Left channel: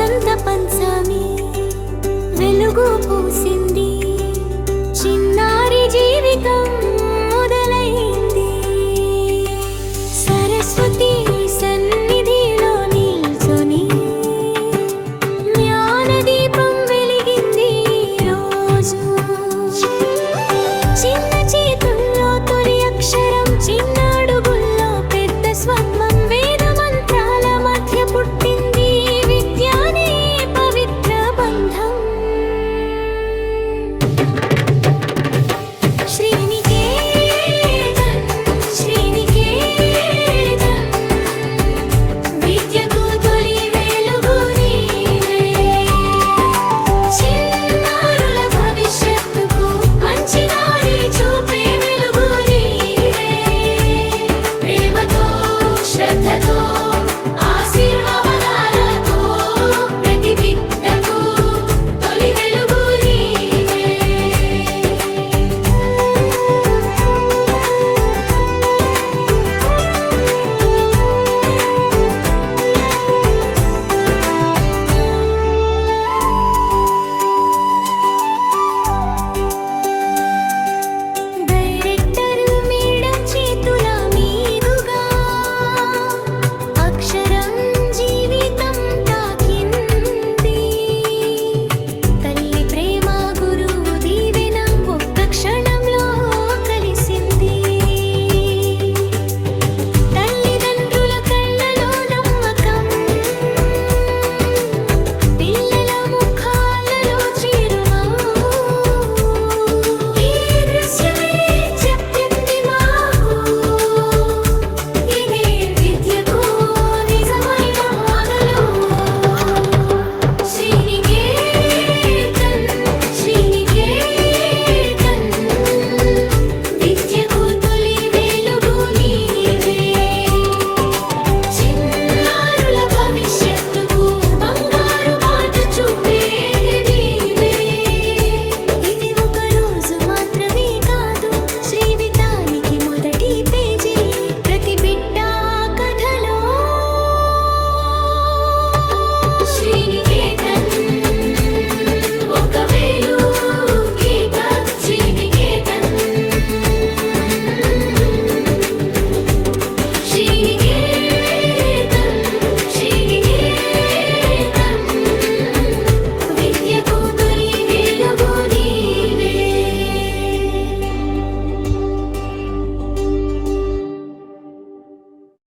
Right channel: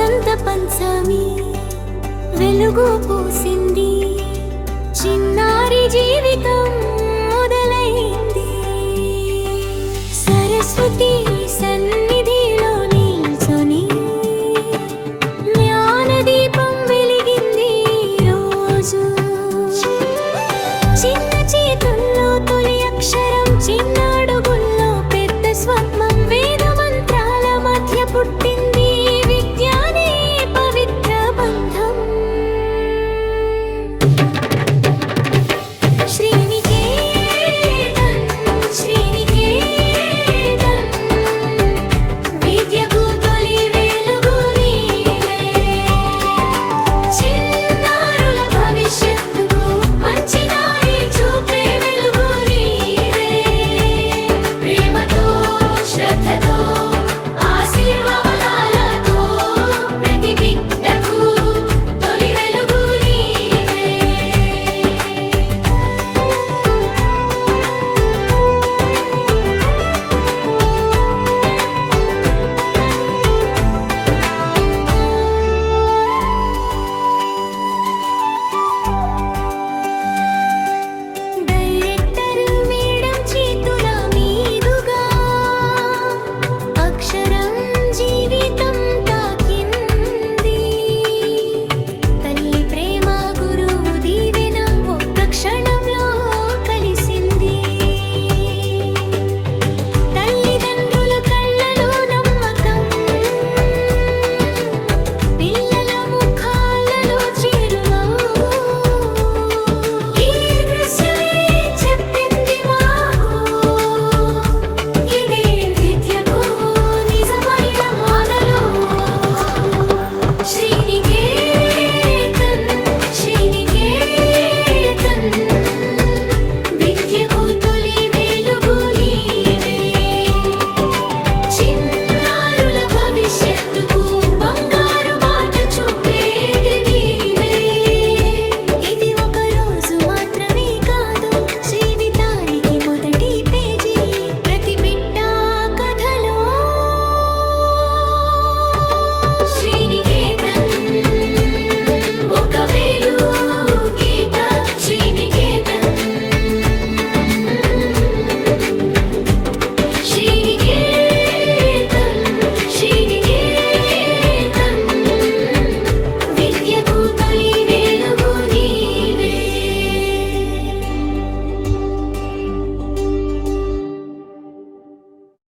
వసంత పంచమి వెలుగు పూసింది. చిన్నారి జీవితం మొదలైంది. సరస్వతి సన్నిధిలో నిల్చొని జ్ఞానదీపం వెలిగింది రోజు. చిన్న చేతుల్లో తొలి అక్షరం చిన్నాడుగుల్లో పెద్ద స్వప్నం.